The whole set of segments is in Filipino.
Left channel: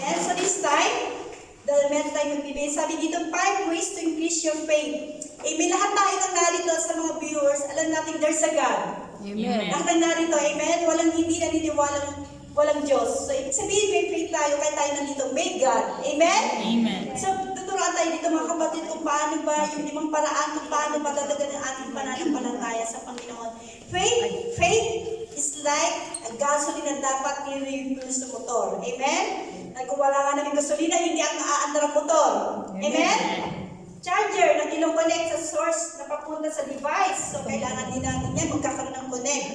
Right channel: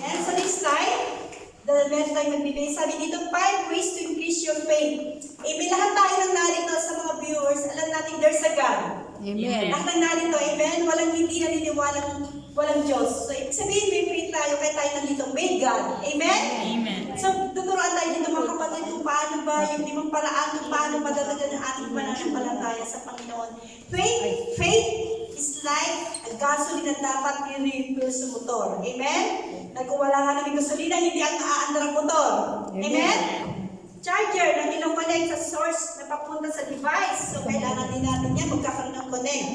And so this time, the meron tayong magbibigay. Sabi dito, 5 ways to increase your faith. Amen. Lahat tayo nang narito sa mga viewers, alam natin there's a God. Amen. Lahat nang narito, amen. Walang hindi naniniwalang walang Diyos. So, ibig sabihin, may faith tayo, kaya tayo nandito. May God. Amen? Amen. So, tuturuan tayo dito mga kapatid kung paano ba yung limang paraan kung paano madadagan ang ating pananampalataya sa Panginoon. Faith is like a gasoline na dapat i-refill sa motor. Amen? Like kung wala nga namin gasolina, hindi ang naaandar ang motor. Amen? Charger na kinoconnect sa source na papunta sa device. So, kailangan din natin yan magkakaroon ng connect.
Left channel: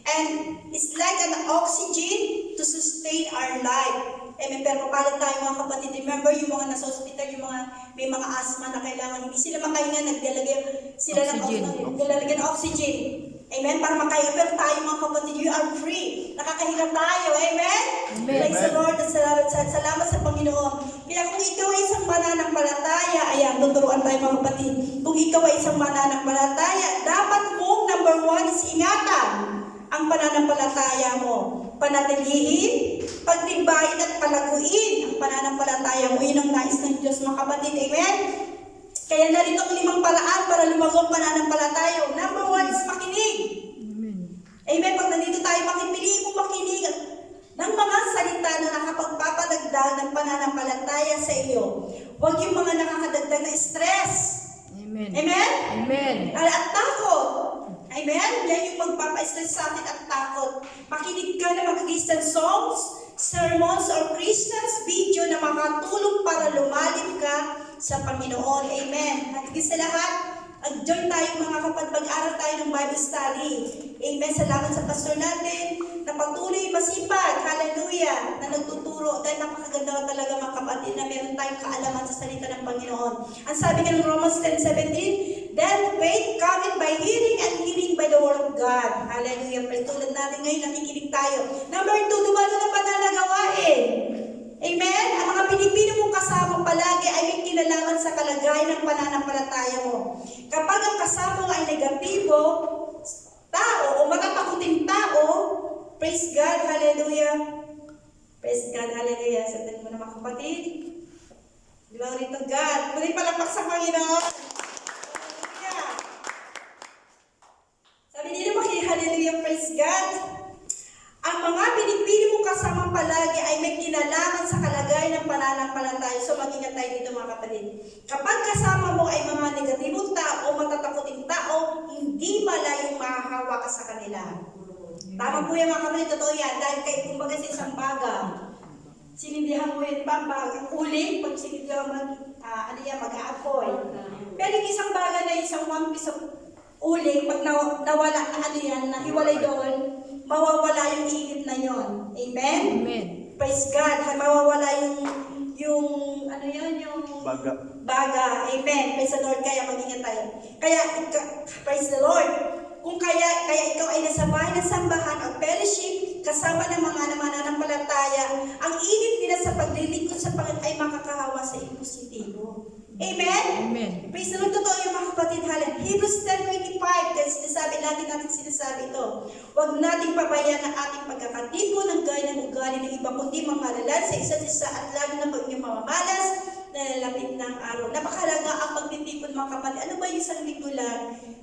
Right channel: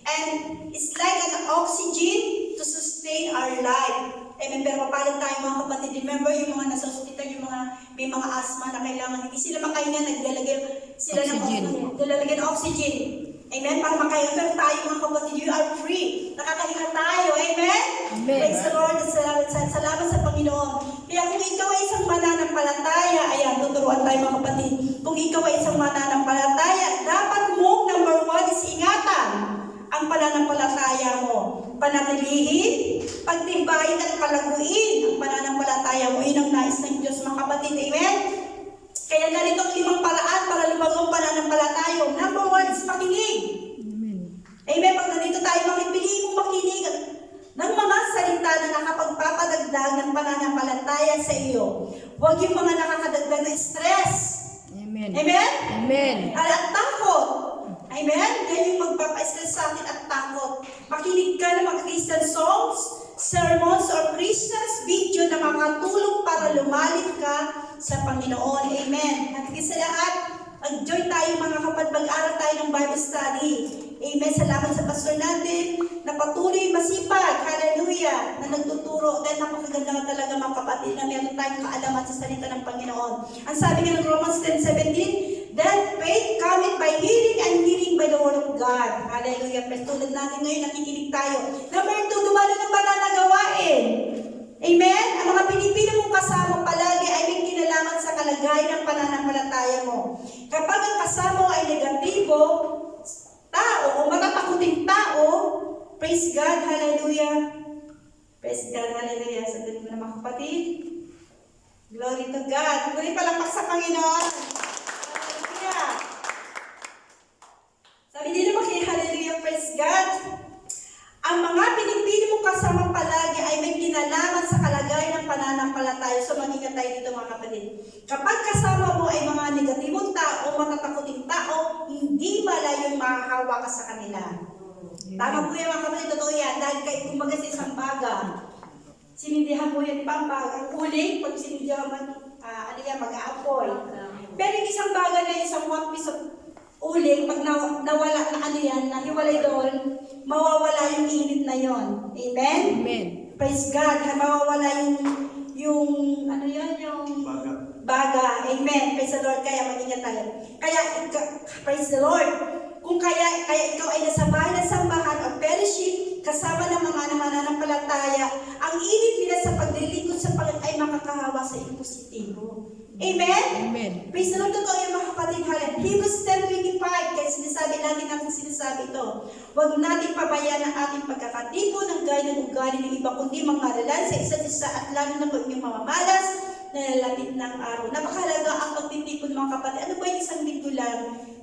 And it's like an oxygen to sustain our life. Amen. Pero mapalad tayo mga kapatid. Remember yung mga nasa hospital, yung mga may mga asthma na kailangan hindi sila makahinga, naglalagay sila ng oxygen. Amen. Para makahinga. Pero tayo mga kapatid, you are free. Nakakahinga tayo. Amen. Amen. Praise the Lord. Salamat sa Panginoon. Kaya kung ikaw ay isang mananampalataya, ayan, tuturuan tayo mga kapatid. Kung ikaw ay isang mananampalataya, dapat mong number 1 is ingatan ang pananampalataya mo. Panatilihin, pagtibayin at palaguin ang pananampalataya mo. Yun ang nais ng Diyos mga kapatid. Amen? Kaya narito ang 5 paraan para lumago ang pananampalataya. Number 1 is makinig. Amen. Amen? Pag nandito tayo, pili mong makinig ng mga salita na nakapagpapadagdag ng pananampalataya sa iyo. Huwag yung mga nakakadagdag na stress. Amen. Amen? Amen. At takot. Amen? Yan yung magpapa-stress sa atin at takot. Makinig ka ng mga Christian songs, sermons, or Christian's video na makatulong para lumalim ka sa Panginoon. Amen. At sa lahat, join tayo mga kapatid, mag-aral tayo ng Bible study. Amen. Salamat sa pastor natin na patuloy masipag. Hallelujah. Na nagtuturo. Dahil napakaganda talaga mga kapatid na meron tayong kaalaman sa salita ng Panginoon. Ang sabi nga ng Romans 10:17, that faith cometh by hearing and hearing by the word of God. Hallelujah. Pero tulad natin ngayon, nakikinig tayo. Number 2, dumalo ng pananagawain. Amen? Ang mga Pilipino mong kasama palagi ay may kinalaman sa kalagayan ng pananampalataya mo. Kapag ang kasama mo ay negatibo, tao o matatakuting tao, praise God, hallelujah. Praise God, hallelujah. Sandali mo na mga kapatid. Glory to God. Muli palakpak sa Panginoon. Hallelujah. Sabi dito hallelujah, praise God. Ang mga pinipili mong kasama palagi ay may kinalaman sa kalagayan ng pananampalataya. So mag-ingat tayo dito mga kapatid. Kapag kasama mo ay mga negatibong tao o matatakuting tao, hindi malayong mahahawa ka sa kanila. Tama po yan mga kapatid, totoo yan. Dahil kayo kumbaga sa isang baga, sinindihan mo yan pang baga. Ang uling, pag sinindihan mo, mag-aapoy. Pero yung isang baga na isang 1 piece of uling, pag nawala na nahiwalay doon, mawawala yung init na yon. Amen? Amen. Praise God. Mawawala yung baga. Amen. Praise the Lord. Kaya mag-ingat tayo. Kaya, praise the Lord. Kung kaya ikaw ay nasa bahay ng sambahan o fellowship, kasama ng mga mananampalataya, ang init nila sa paglilingkod sa Panginoon ay makakahawa sa iyo positibo. Amen? Amen. Praise the Lord, totoo yung mga kapatid. Hebrews 10:25, kaya lagi natin sinasabi ito. Huwag nating pabayaan ang ating pagkakatipo ng gaya ng ugali ng iba, kundi mangaralan sa isa't isa at lalo na pag yung mamamalas na lalapit ng araw. Napakahalaga ang pagtitipon mga kapatid. Ano ba yung isang linggo lang?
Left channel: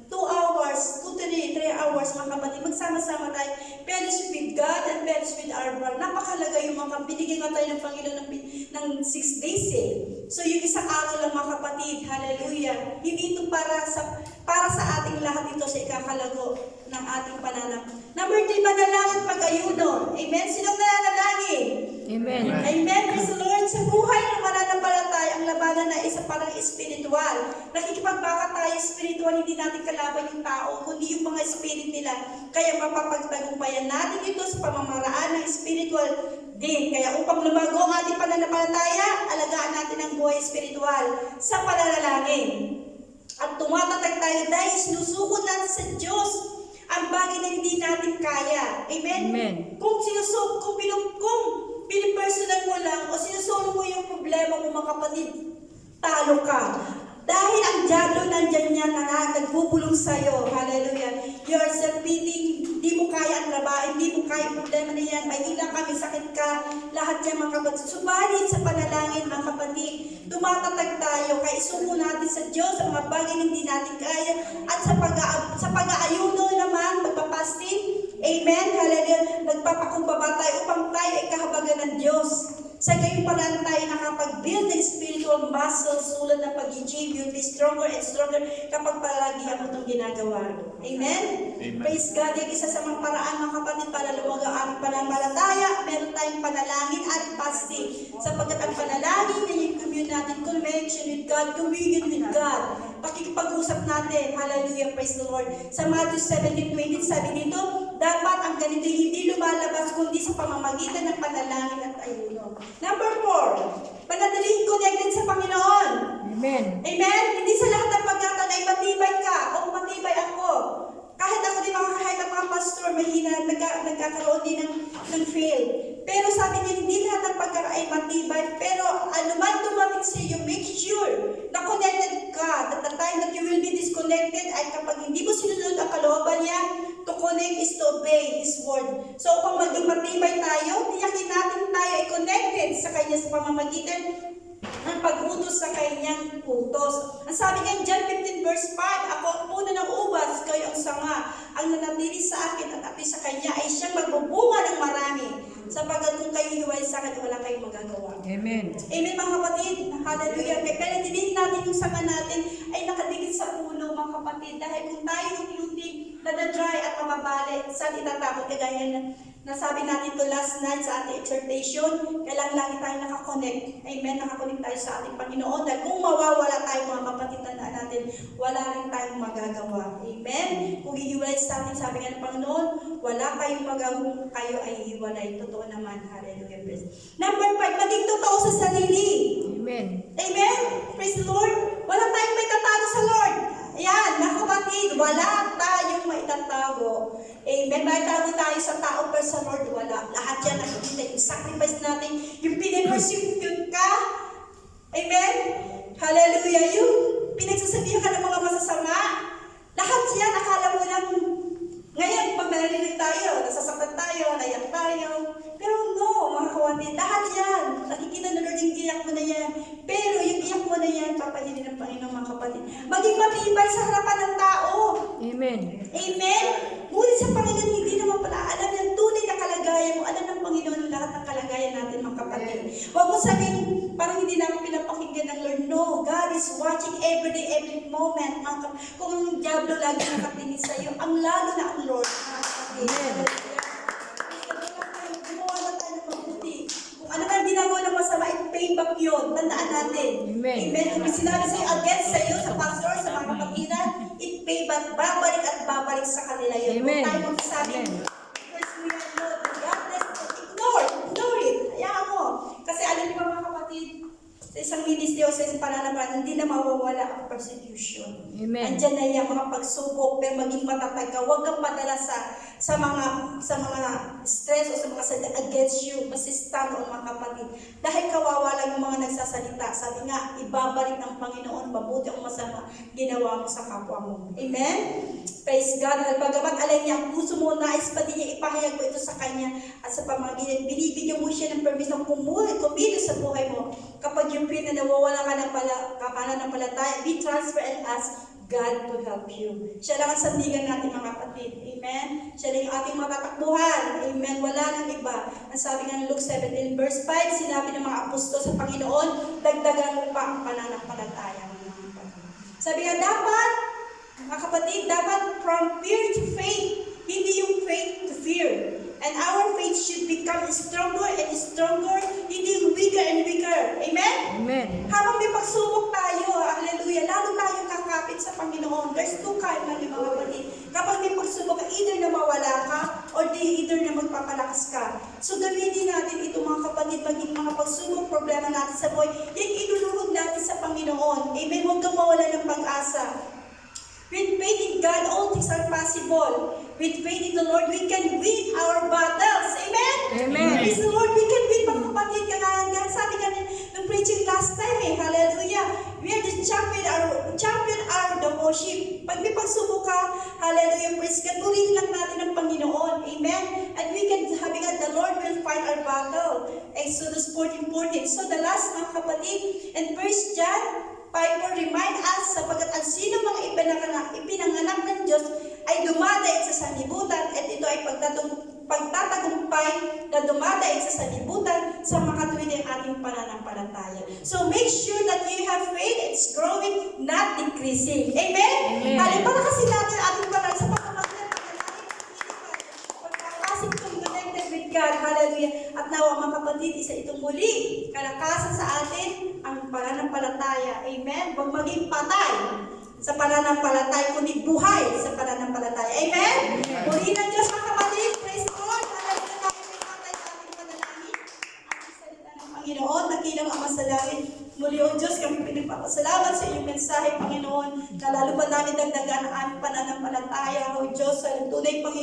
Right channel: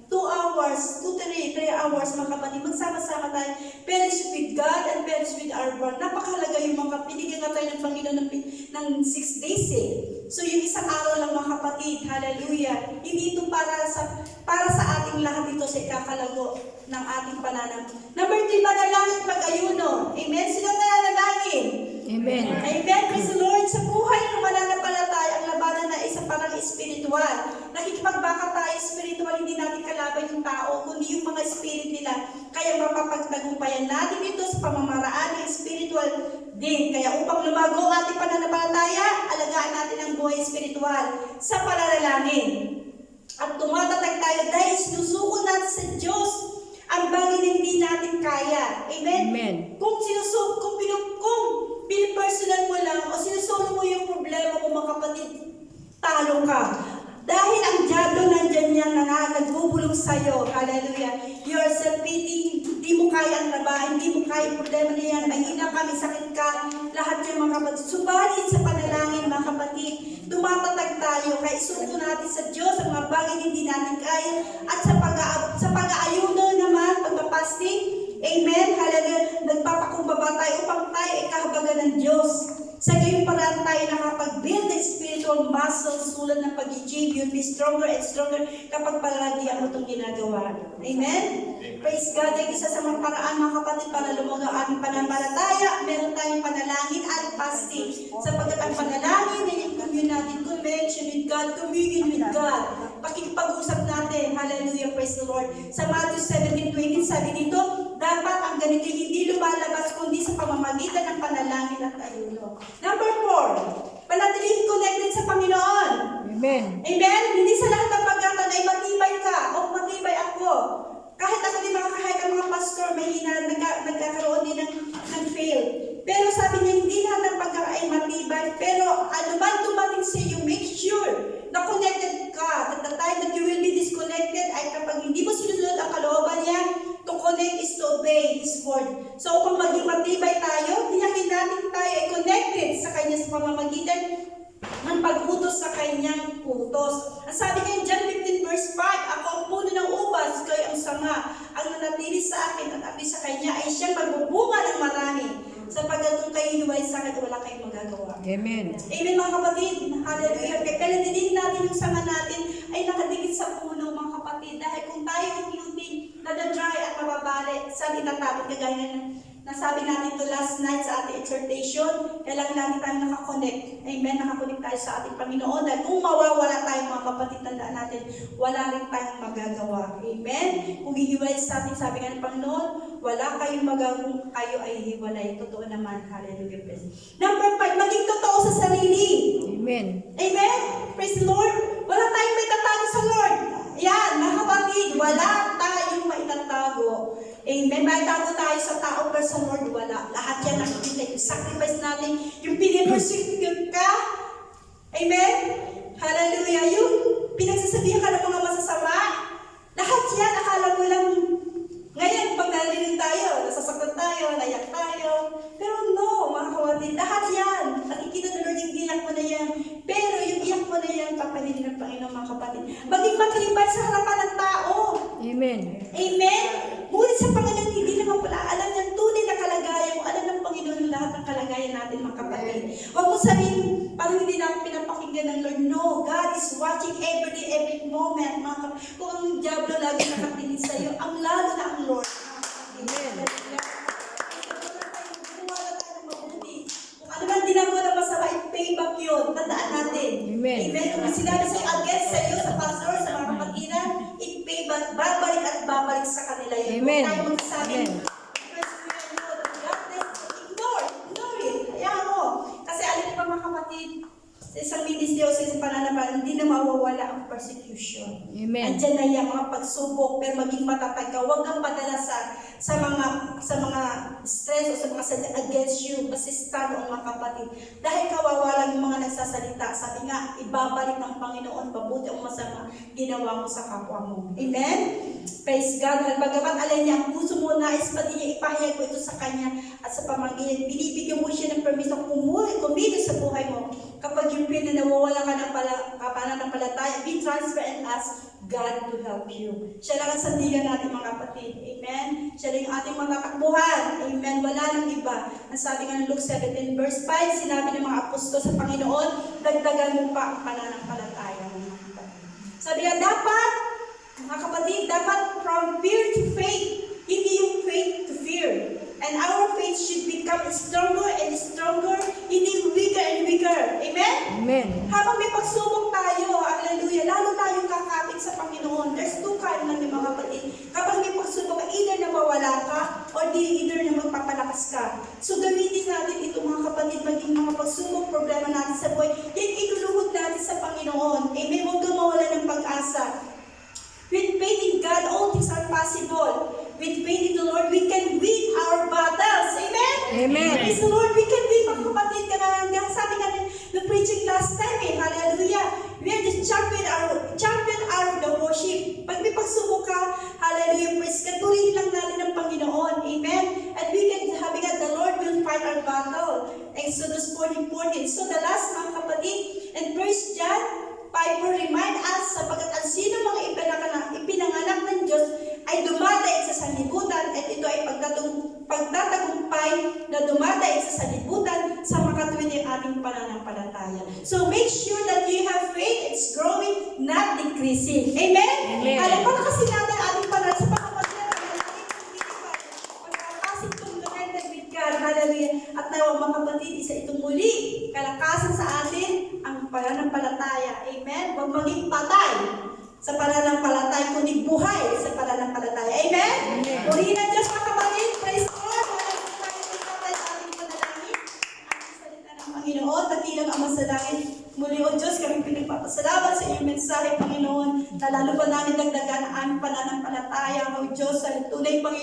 2 hours, 3 hours mga kapatid. Magsama-sama tayo. Fellowship with God and fellowship with our Lord. Napakahalaga yung mga binigyan nga tayo ng Panginoon ng 6 days eh. So yung isang araw lang mga kapatid, hallelujah. Hindi ito para sa ating lahat ito sa ikakalago ng ating pananaw. Number 3, manalangin at mag-ayuno. Amen? Sinong nananalangin? Amen. Amen. Praise the Lord. Sa buhay ng mananampalataya, ang labanan na isa parang espiritual. Nakikipagbaka tayo espiritual, hindi natin kalaban yung tao, kundi yung mga spirit nila. Kaya mapapagtagumpayan natin ito sa pamamaraan ng spiritual din. Kaya upang lumago ang ating pananampalataya, alagaan natin ang buhay espiritual sa pananalangin. At tumatatag tayo dahil sinusuko natin sa Diyos ang bagay na hindi natin kaya. Amen? Amen. Kung pinipersonal mo lang o sinusolo mo yung problema mo mga kapatid, talo ka. Dahil ang diablo nandyan yan na nagbubulong sa'yo. Hallelujah. You are self-pitying, hindi mo kaya ang trabaho, hindi mo kaya ang problema na yan, mahina ka, may sakit ka, lahat yan mga kapatid. Subalit sa panalangin mga kapatid, tumatatag tayo, kaya isuko natin sa Diyos ang mga bagay na hindi natin kaya, at sa pag-aayuno naman, pagpapasting, amen, hallelujah, nagpapakumbaba tayo upang tayo ay kahabagan ng Diyos. Sa gayong paraan tayo nakapag-build ng spiritual muscles tulad ng pag-gym, you'll be stronger and stronger kapag palagi ang itong ginagawa. Amen? Praise God. Yung isa sa mga paraan mga kapatid para lumaga ang aming pananampalataya, meron tayong panalangin at fasting. Sapagkat ang panalangin ay yung commune natin, connection with God, communion with God. Pakikipag-usap natin. Hallelujah. Praise the Lord. Sa Matthew 17:20, sabi dito, dapat ang ganito hindi lumalabas kundi sa pamamagitan ng panalangin at ayuno. Number 4, panatiling connected sa Panginoon. Amen. Amen? Hindi sa lahat ng pagkatan ay matibay ka o matibay ako. Kahit ako din kahit ang mga pastor, mahina, nagkakaroon din ng fail. Pero sabi niya, hindi lahat ng pagkakatan ay matibay. Pero ano man dumating sa iyo, make sure na connected ka. At the time that you will be disconnected ay kapag hindi mo sinunod ang kalooban niya, to connect is to obey His word. So kung maging matibay tayo, tiyakin natin tayo ay connected sa Kanya sa pamamagitan ng pag-utos sa Kanyang utos. Ang sabi nga in John 15 verse 5, ako ang puno ng ubas, kayo ang sanga. Ang nanatili sa akin at api sa Kanya ay siyang magbubunga ng marami. Sapagkat kung kayo hiwalay sa akin, wala kayong magagawa. Amen. Amen mga kapatid. Hallelujah. Pero dinin natin yung sanga natin ay nakadikit sa puno mga kapatid. Dahil kung tayo unti-unti nadadry at mababali, saan itatakot kagaya na nasabi natin to last night sa ating exhortation, kailangan lagi tayo nakakonect. Amen. Nakakonect tayo sa ating Panginoon. Dahil kung mawawala tayo mga kapatid, tandaan natin, wala rin tayong magagawa. Amen. Kung hihiwalay sa atin, sabi nga ng Panginoon, wala kayong magagawa, kayo ay hiwalay. Totoo naman. Hallelujah. Number 5, maging totoo sa sarili. Amen. Amen. Praise the Lord. Wala tayong may tatago sa Lord. Yan, mga kapatid, wala tayong maitatago. Amen. May tago tayo sa tao, pero sa Lord, wala. Lahat yan ang ibigay. Yung sacrifice natin, yung pinipersecute ka. Amen. Hallelujah. Yung pinagsasabihan ka ng mga masasama. Lahat yan, akala mo lang, ngayon, pag narinig tayo, nasasaktan tayo, nayak tayo. Pero no, mga kapatid, lahat yan. Nakikita na Lord yung iyak mo na yan. Pero yung iyak mo na yan, papahilin ng Panginoon, mga kapatid. Maging matibay sa harapan ng tao. Amen. Amen? Ngunit sa Panginoon, hindi naman pala alam yung tunay na kalagayan mo. Alam ng Panginoon ang lahat ng kalagayan natin, mga kapatid. Huwag mo sabihin, parang hindi namin pinapakinggan ng Lord. No, God is watching every day, every moment. Mga kapatid. Kung ang diablo lagi nakatingin sa iyo, ang lalo na ang Lord. Amen. Gumawa na tayo ng mabuti. Kung ano man ginagawa ng masama, i-pay back yun. Tandaan natin. Amen. Amen. Kung may sinabi sa iyo, against sa iyo, sa pastor, sa mga kapatiran, i-pay back, babalik at babalik sa kanila yun. Amen. Kung tayo magsasabi, Amen. because we are Lord, God bless you. Ignore it. Hayaan mo. Kasi alam niyo ba mga kapatid, sa isang ministry o sa isang pananampalataya, hindi na mawawala ang persecution. Amen. Andiyan na yan, mga pagsubok, pero maging matatag ka. Huwag kang padala sa mga stress o sa mga sadya against you. Basta stand on mga kapatid. Dahil kawawa lang yung mga nagsasalita. Sabi nga, ibabalik ng Panginoon, mabuti o masama, ginawa mo sa kapwa mo. Amen? Praise God. Dahil bagamat alam niya, ang puso mo, nais pa din niya, ipahayag mo ito sa Kanya at sa pamagitan. Binibigyan mo siya ng permission kumili sa buhay mo. Kapag yung pin na nawawala ka ng pananampalataya, be transfer and ask God to help you. Siya lang ang sandigan natin mga kapatid. Amen? Siya lang yung ating matatakbuhan. Amen? Wala nang iba. Ang sabi nga ng Luke 17 verse 5, sinabi ng mga apostol sa Panginoon, dagdagan mo pa ang pananampalataya mo mga kapatid. Sabi nga, dapat, mga kapatid, dapat from fear to faith. Hindi yung faith to fear. And our faith should become stronger and stronger, hindi weaker and weaker. Amen? Amen. Habang may pagsubok tayo, hallelujah, lalo tayong kakapit sa Panginoon. There's two kind ng mga kapatid. Kapag may pagsubok ka, either na mawala ka, or either na magpapalakas ka. So gamitin natin ito mga kapatid, maging mga pagsubok, problema natin sa buhay, yan iluluhod natin sa Panginoon. Amen? Huwag kang mawala ng pag-asa. With faith in God, all things are possible. With faith in the Lord, we can win our battles. Amen? Amen. Praise the Lord, we can win, mga kapatid. Sabi nga ng preaching last time, hallelujah. We are the champion the worship. Pag may pagsubok ka, hallelujah, praise God, purihin lang natin ang Panginoon. Amen? And we can, sabi nga, the Lord will fight our battle. Exodus 14:14. So the last, mga kapatid, and 1 John 5 remind us, sapagkat ang sino mga ipinanganak ng Diyos ay dumadaig sa sanlibutan, at ito ay pagtatagumpay na dumadaig sa sanlibutan sa makatuwid ng ating pananampalataya. So make sure that you have faith, it's growing, not decreasing. Amen? Amen. Alam para kasi natin ating pananampalataya sa pagkakamagitan ng pagkakasing connected with God. Hallelujah. At nawa mga kapatid, isa itong muli, kalakasan sa atin ang pananampalataya. Amen? Huwag maging patay sa pananampalataya, kundi buhay sa pananampalataya. Amen? Amen. Purihin ang Diyos, mga kapatid. Praise the Lord. Hallelujah. Tayo sa ating panalangin. Ang salita ng Panginoon, nakilang Ama sa langit. Muli, O Diyos, kami pinagpapasalamat sa iyong mensahe, Panginoon, na lalo pa namin dagdagan ang aming pananampalataya, O Diyos, sa tunay, Panginoon.